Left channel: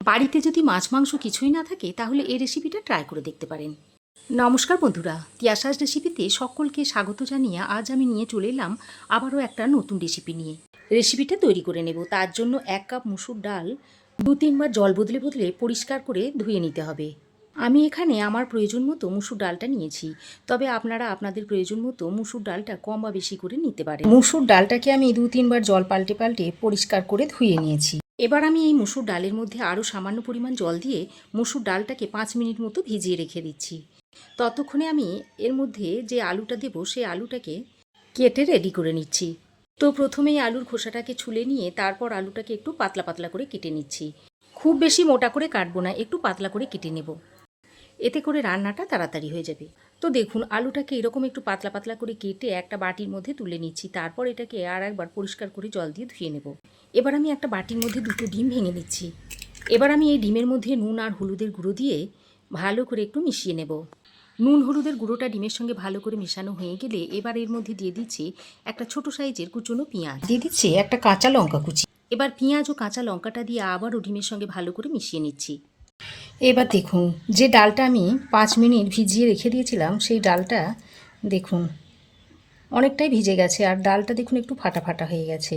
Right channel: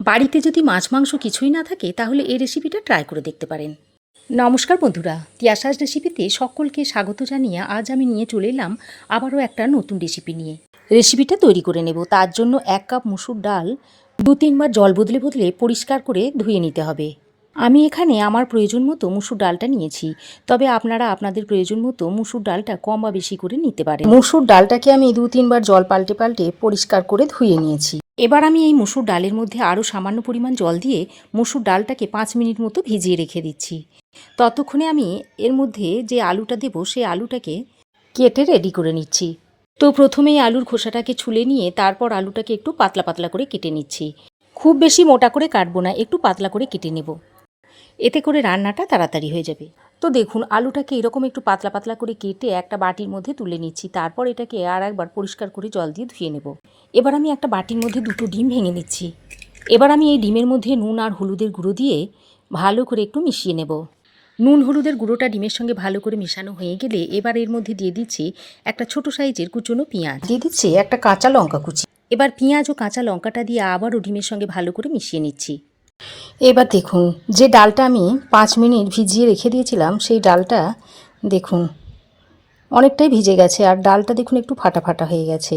বাড়িতে যদি মাছ মাংস কিছুই না থাকে তাহলে এই রেসিপিটা ট্রাই করে দেখতে পারেন। নমস্কার বন্ধুরা, তিয়াশাস রেসিপিতে সকলকে স্বাগত জানিয়ে আজ আমি নিয়ে চলে এলাম আবারও একটা নতুন রেসিপি নিয়ে। রেসিপিটা তৈরি করে নেব। তার জন্য 1 কাপ মুসুর ডাল 2-3 বার জল বদলে বদলে পরিষ্কার করে ধুয়ে নিতে হবে। আমি এখানে আমার প্রয়োজন মতো মুসুর ডালটা নিয়েছি, তবে আপনারা আপনাদের প্রয়োজন মতো মুসুর ডালটা কম বা বেশি করে নিতে পারেন। মুসুর ডালটাকে আমি 2-3 বার জল পাল্টে পাল্টে পরিষ্কার করে ধুয়ে নিয়েছি। এবার আমি এই মুসুর ডালের মধ্যে আরও সামান্য পরিমাণ জল দিয়ে মুসুর ডালটাকে 5 মিনিট মতো ভিজিয়ে রেখে দিচ্ছি। ততক্ষণে আমি এর মধ্যে যে আলুটা দেব সেই আলুটাকে কেটে রেডি করে নিচ্ছি। তো প্রথমেই আলুর খোসাটাকে ছুলে নিয়ে তারপর আলুটাকে একটু পাতলা পাতলা করে কেটে নিচ্ছি। খুব বেশি মোটা করে কাটবো না, একটু পাতলা করে কেটে নেব, এতে করে রান্নাটা তাড়াতাড়ি হয়ে যাবে। তো দেখুন, আলুটাকে এরকম একটু পাতলা পাতলা করে কেটে একটা বাটির মধ্যে তুলে নিচ্ছি। তারপর এটাকে আর একবার পরিষ্কার করে জল দিয়ে ধুয়ে নেব। এবার আমি একটা বাটির মধ্যে 2টো ডিম ভেঙে নিচ্ছি। এবার আমি এই ডিমের মধ্যে নুন আর হলুদের গুঁড়ো দিয়ে ভালো করে একটু মিশিয়ে নেব। নুন হলুদের গুঁড়োটা ডিমের সঙ্গে ভালো করে মেশানো হয়ে গেলে এবার এর মধ্যে দিয়ে দিচ্ছি একটা ছোট সাইজের কুচনো পেঁয়াজ, দিয়ে দিচ্ছি একটা কাঁচা লঙ্কা কুচি। এবার পেঁয়াজ ও কাঁচা লঙ্কাটা দিয়ে আবারও ডিমের সঙ্গে ভালো করে মিশিয়ে নিচ্ছি। এবার দেখুন, যে ডালটা আমি 5 মিনিট ভিজিয়ে রেখে দিয়েছিলাম সেই ডালটা দেখুন অনেকটাই ভিজে গেছে, আর ডালটা দেখুন একটু ফাটা ফাটা হয়ে গেছে,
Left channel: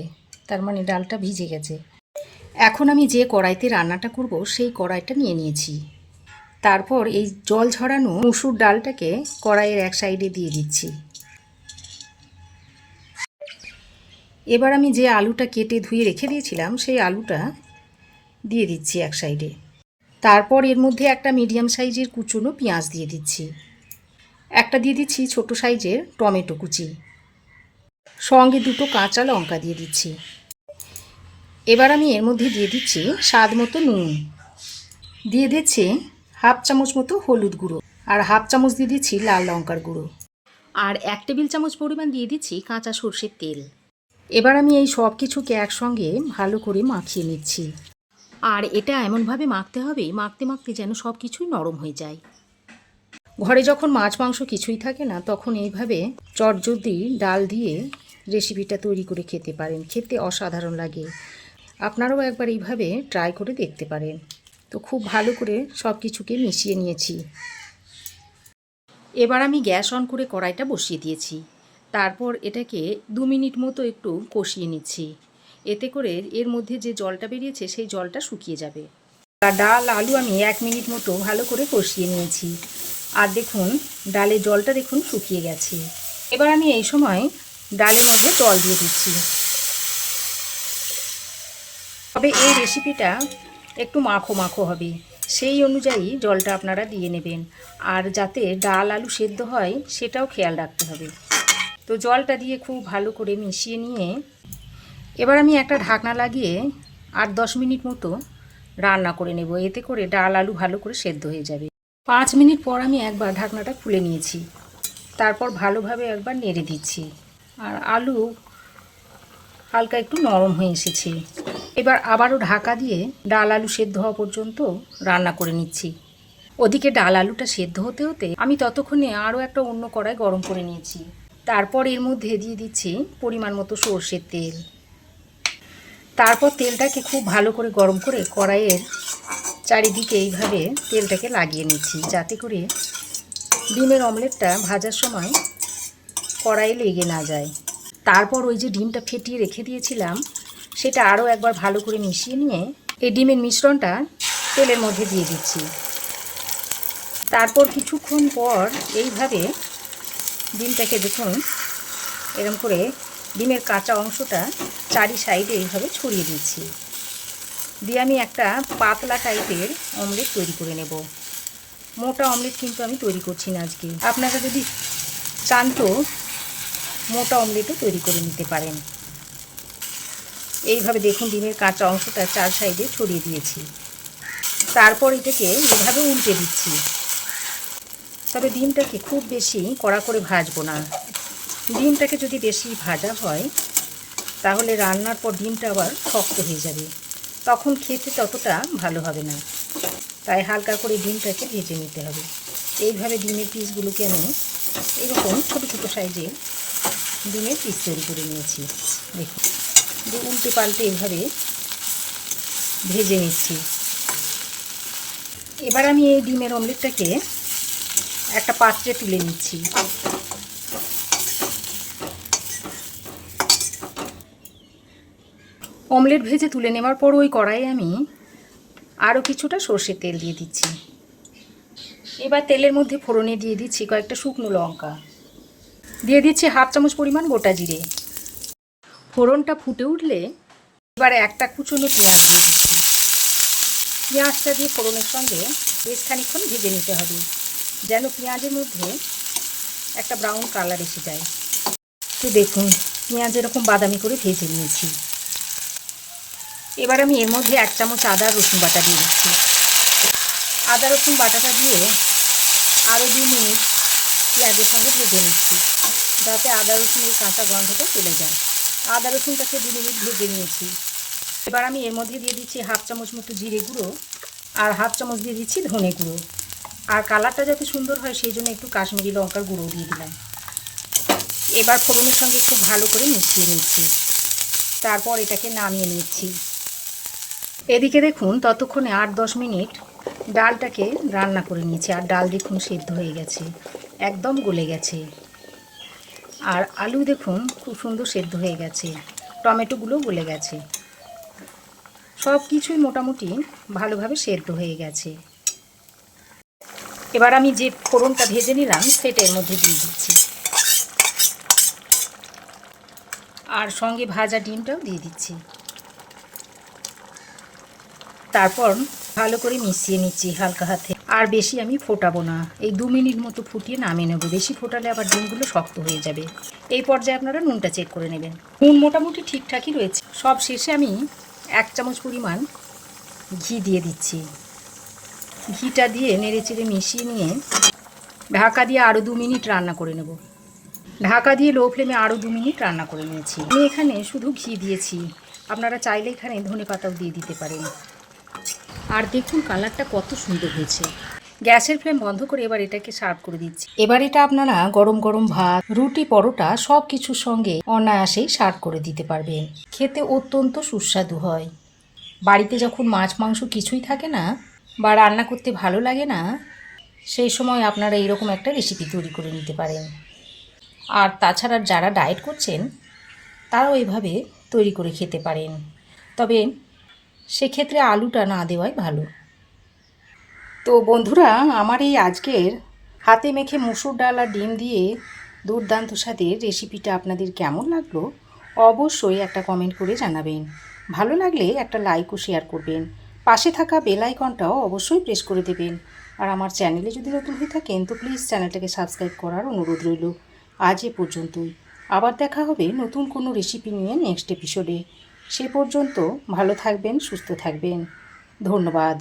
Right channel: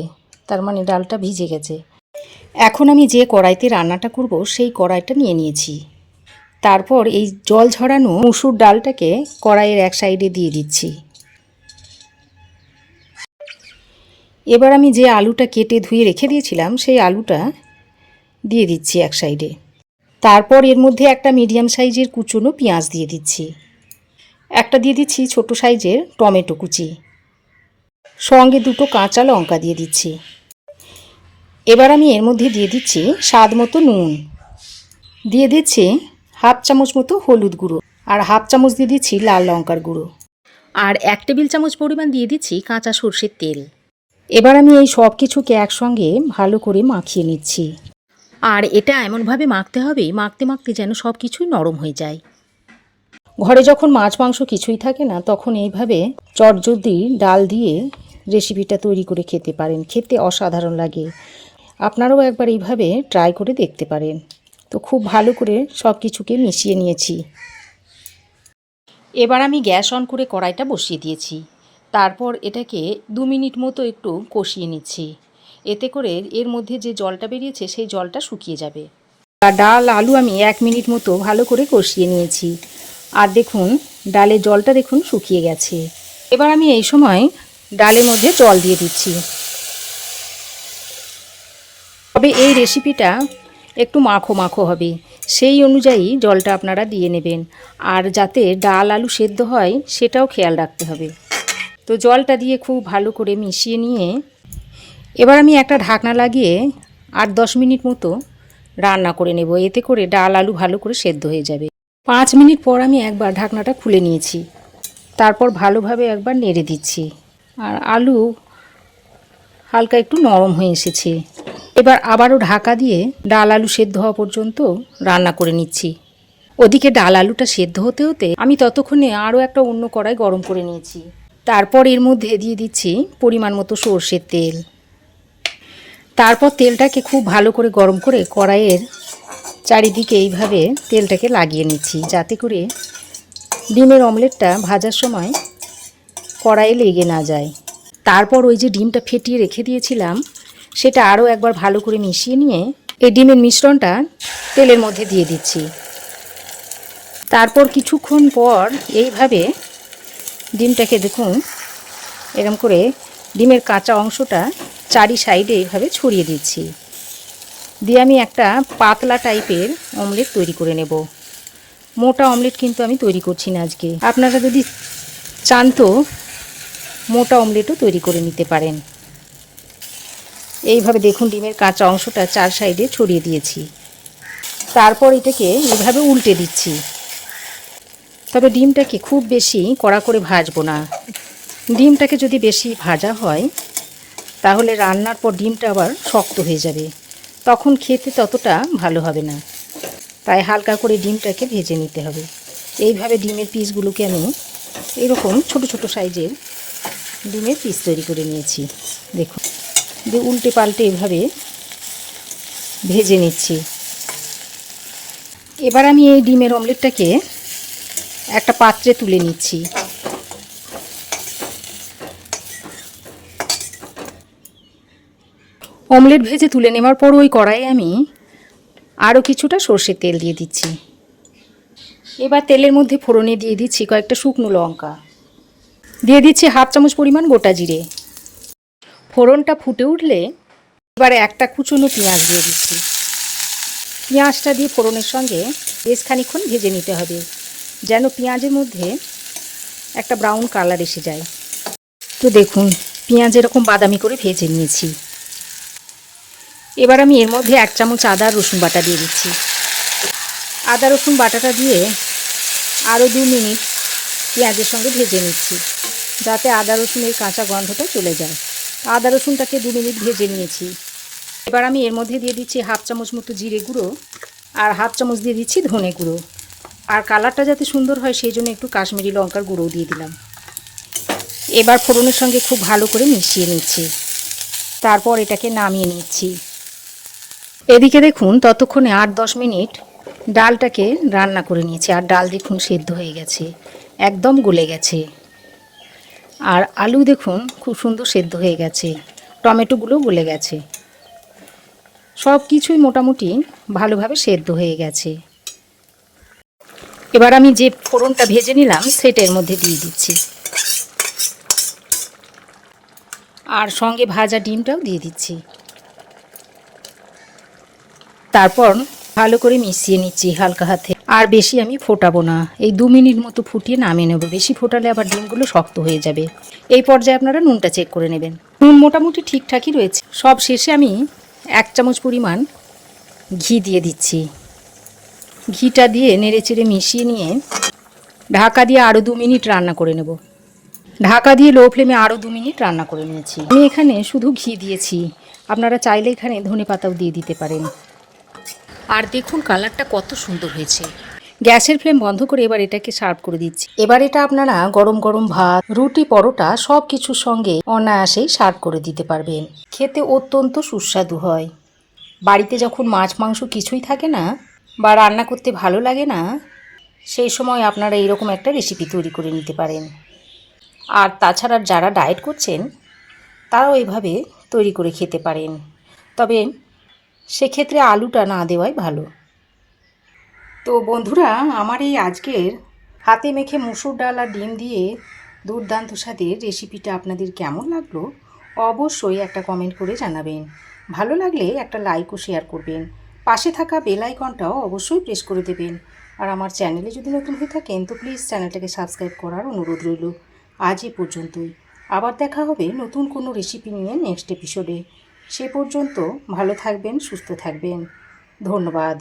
তার মানে ডালটা ভিজে গেছে। এখন আমি যে কড়াইতে রান্নাটা করব সেই কড়াইটা নিয়ে নিয়েছি। তারপর এই জল ঝরানো মুসুর ডালটাকে কড়াইয়ের এক সাইডে দিয়ে দিচ্ছি। এবার আমি যে আলুটা কেটে ধুয়ে রেখে দিয়েছিলাম সেই আলুটা দিয়ে দিচ্ছি এক সাইডে। তারপর এর মধ্যে একটা মিডিয়াম সাইজের কুচনো পেঁয়াজ দিয়ে দিচ্ছি। একটা দিয়ে দিচ্ছি ছোট সাইজের টমেটো কুচি, সঙ্গে 2টো কাঁচা লঙ্কা দিয়ে দিচ্ছি। এবার আমি এর মধ্যে দিয়ে দিচ্ছি স্বাদ মতো নুন, দিয়ে দিচ্ছি হাফ চামচ মতো হলুদ গুঁড়ো, আর হাফ চামচ দিয়ে দিচ্ছি লাল লঙ্কার গুঁড়ো, আর 1 টেবিল চামচ পরিমাণ দিয়ে দিচ্ছি কাঁচা সর্ষের তেল। এবার আমি এই সব কিছুকে একসঙ্গে ভালো করে মাখিয়ে নিচ্ছি। আর এটা এমনভাবে মাখতে হবে, মাখতে মাখতে যেন সব কিছুই নরম হয়ে যায়। ঘরে যখন মাছ মাংস কিছুই থাকে না তখন এইভাবে চটজলদি ডাল দিয়ে রেসিপিটা তৈরি করে খেতে পারেন, খেতে অসাধারণ লাগে। আপনারাও একবার এইভাবে ট্রাই করে দেখতে পারেন। তো খুব ভালো করে সব কিছুকে মিশিয়ে নিয়েছি। এবার আমি গ্যাস অন করে কড়াইটা বসিয়ে দিয়েছি। তারপর এটাকে 2 মিনিট মতো একটু কষিয়ে নিচ্ছি। এতে করে এর মধ্যে যে জলটা বেরিয়েছে সেই জলটা শুকিয়ে যাবে। আর ডাল আলু আমি 1 মিনিট মতো ভালো করে কষিয়ে নিয়েছি। আর দেখুন ডালের জলটা দেখুন শুকিয়ে গেছে। এবার আমি এই সময় ডালের মধ্যে জল দিয়ে দিচ্ছি। তবে এই রেসিপিটা একটু মাখো মাখো হবে, সেই অনুযায়ী জলটা আপনারা দিয়ে নেবেন। আর যাতে ডাল আলু সেদ্ধ হয় সেটাও খেয়াল রাখতে হবে। তো জলটা দিয়ে খুব ভালো করে মিশিয়ে নিয়ে এবার আমি একটা ঢাকনা লাগিয়ে 8-10 মিনিট মতো রান্না করে নেব। এতে করে ডাল আলু ভালো করে সেদ্ধ হয়ে যাবে। 5 মিনিট পর আমি একবার ঢাকনাটা খুলে নিয়েছি। তারপর ভালোভাবে একবার নেড়ে দিচ্ছি। আর আলু হালকা একটু নরম হয়ে এসেছে। এবার আবারও ঢাকা দিয়ে ডাল আলু সেদ্ধ হওয়া পর্যন্ত রান্না করে নিচ্ছি। ওদিকে ডাল আলুটা সেদ্ধ হতে হতে আমি ততক্ষণে আরও একটা অন্য কড়াই গরম করে নিয়েছি। তারপর এর মধ্যে দিয়ে দিচ্ছি পরিমাণ মতো সর্ষের তেল। তারপর তেলটাকে খুব ভালো করে গরম করে কড়াইয়ের চারিদিকে এইভাবে তেলটাকে লাগিয়ে নিচ্ছি, যাতে করে ডিমের অমলেটটা ভাজার সময় কড়াইয়ে লেগে না যায়। তারপর ওই যে ডিমটা ফেটিয়ে রেখে দিয়েছিলাম সেটা আরও একবার ভালো করে মিশিয়ে নিয়ে এই ডিমের মিশ্রণটা তেলের মধ্যে দিয়ে দিচ্ছি। তারপর কিছুক্ষণ পর এইভাবে ডিমটাকে দেখুন এরকম করে ডিমের কাঁচা অংশটা চারি সাইডে এইভাবে ছড়িয়ে দিচ্ছি। দিয়ে আমি একটা পাতলা টাইপের অমলেট তৈরি করে নেব। মোটা অমলেট কিন্তু আমি তৈরি করছি না আজকে। আপনারা যদি চান তো মোটা অমলেটও তৈরি করে নিতে পারেন। এইভাবে দেখুন ডিমের কাঁচা অংশটা 4 সাইডে ছড়িয়ে দিয়েছি। তারপর এটাকে এইভাবে উল্টে দিচ্ছি। তবে ডিমটাকে খুব বেশি কড়া করে ভাজবো না। ডিমটাকে যদি বেশি ভাজা হয় তাহলে রান্নার পর ডিমটা আবার শক্ত হয়ে যাবে, তখন খেতে ততটা ভালো হবে না। তাই হালকা করে ডিমটাকে ভেজে নিতে হবে। এইভাবে ডিমের পিসগুলোকে আমি এরকম ছোট ছোট সাইজের ডিমের পিস তৈরি করে নিয়েছি। দেখুন, দিয়ে উল্টে পাল্টে এভাবে ভেজে নিচ্ছি। এবার আমি এই ডিমের অমলেটটাকে একটা পাত্রে তুলে নিচ্ছি। অমলেট ভেজে তুলে নেওয়ার পর ওই কড়াইয়ে আমি আরও কিছুটা সর্ষের তেল দিয়ে দিচ্ছি। এবার তেলের মধ্যে ফোড়নে দিয়ে দিচ্ছি কয়েকটা শুকনো লঙ্কা, দিয়ে দিচ্ছি হাফ চামচ পরিমাণ গোটা জিরে। ফোড়নটা ফুটে উঠলে এবারে একটা কুচনো পেঁয়াজ দিয়ে দিচ্ছি। পেঁয়াজটা দিয়ে ফোড়নের সঙ্গে বেশ খানিকক্ষণ ভেজে নিতে হবে, যেন পেঁয়াজের মধ্যে একটা ব্রাউন কালার এসে যায়। তো দেখুন পেঁয়াজ এরকম বাদামি করে ভেজে নিয়েছি। এবার আমি এর মধ্যে 1 চামচ আদা রসুন বাটা দিয়ে দিচ্ছি। আদা রসুন বাটাটা দিয়ে আরও 2 মিনিট পেঁয়াজের সঙ্গে ভেজে নিচ্ছি, যাতে আদা রসুনের কাঁচা গন্ধটা চলে যায়। আদা রসুনটাকে 2 মিনিট ভেজে নিয়েছি। এবার আমি এর মধ্যে দিয়ে দিচ্ছি হাফ চামচ মতো জিরে গুঁড়ো আর হাফ চামচ দিয়ে দিচ্ছি ধনে গুঁড়ো। আর কালারটা যাতে সুন্দর হয় সেই জন্য একটু কাশ্মীরি লঙ্কার গুঁড়োও দিয়ে দিলাম। এবার ফোড়নের সঙ্গে খুব ভালো করে মিশিয়ে নিচ্ছি, তারপর এটাকে নামিয়ে নিচ্ছি। এদিকে দেখুন ততক্ষণে 8-10 মিনিট ডালটাকে রান্না করে নিয়েছি, আর ডাল দেখুন সেদ্ধ হয়ে গেছে, একদম গলে গেছে। আর আলু দেখুন খুব সুন্দর সেদ্ধ হয়ে গেছে, টমেটোগুলো গলে গেছে, সব কিছুই মোটামুটি ভালোভাবে সেদ্ধ হয়ে গেছে। এবার আমি যে ফোড়নটা ভেজে নিলাম সেটা এর মধ্যে দিয়ে দিচ্ছি, আর সঙ্গে ভাজা ডিমটাও দিয়ে দিচ্ছি। তারপর ভালো করে মিশিয়ে নিচ্ছি হালকা হাতে। আর বেশি আমি ফোটাবো না, এই 2 মিনিট মতো ফুটিয়ে নামিয়ে নেব। বেশি ফোটালে আবার ডিমগুলো শক্ত হয়ে যাবে। এই পর্যায়ে আপনারা নুনটা চেক করে নেবেন। নুন মোটামুটি ঠিকঠাকই রয়েছে। সব শেষে আমি 1 চামচ পরিমাণ ঘি দিয়ে দিচ্ছি। ঘিটা দিয়ে নেড়েচেড়ে মিশিয়ে নিয়ে ঢাকা দিয়ে আরও 2 মিনিট রান্না করে নেব। ঢাকা দিয়ে লো ফ্লেমে আরও 2 মিনিট রান্না করে নিয়েছি। আমি এখানে শুধু ঘি দিয়েছি, আপনারা চাইলে এখানে ধনেপাতাও দিয়ে দিতে পারেন। আর দেখুন কালারটা কত সুন্দর হয়েছে। গ্যাসের ফ্লেম বন্ধ করে এবার এটাকে সার্ভ করে দিচ্ছি। এবার এটা আপনারা গরম গরম ভাত, রুটি, পরোটা সব কিছুর সঙ্গে অনায়াসেই সার্ভ করে দিতে পারবেন। খেতে অত্যন্ত সুস্বাদু হয়। বাড়িতে যখন মাছ মাংস কিছুই থাকে না বা রান্না করতে ভালো লাগে না, সেই সময় আপনারা এইরকম একটা রেসিপি তৈরি করে নিতে পারেন। আর তাছাড়া যারা ডায়েট করছেন তারাও এইভাবে তৈরি করে খেতে পারেন, তবে সেক্ষেত্রে আলুটা না দেওয়াই ভালো। তো বন্ধুরা, আমার এই আজকের হাতে মেখে মসুর ডাল আর ডিম দিয়ে দুর্দান্ত স্বাদের রেসিপিটা আপনাদের কেমন লাগলো অবশ্যই একটা কমেন্ট করে জানাবেন। ভালো লাগলে একটা লাইক ও শেয়ার করবেন। পাশে থাকা বেল আইকনটাও অবশ্যই প্রেস করে দেবেন। আর আমার চ্যানেলে যদি নতুন হয়ে থাকেন তো প্লিজ চ্যানেলটাকে সাবস্ক্রাইব করার অনুরোধ রইল। আজ এ পর্যন্তই। আবার দেখা হবে নতুন কোনো রেসিপি নিয়ে নেক্সট এপিসোডে। সে পর্যন্ত ভালো থাকবেন, সুস্থ থাকবেন। ধন্যবাদ।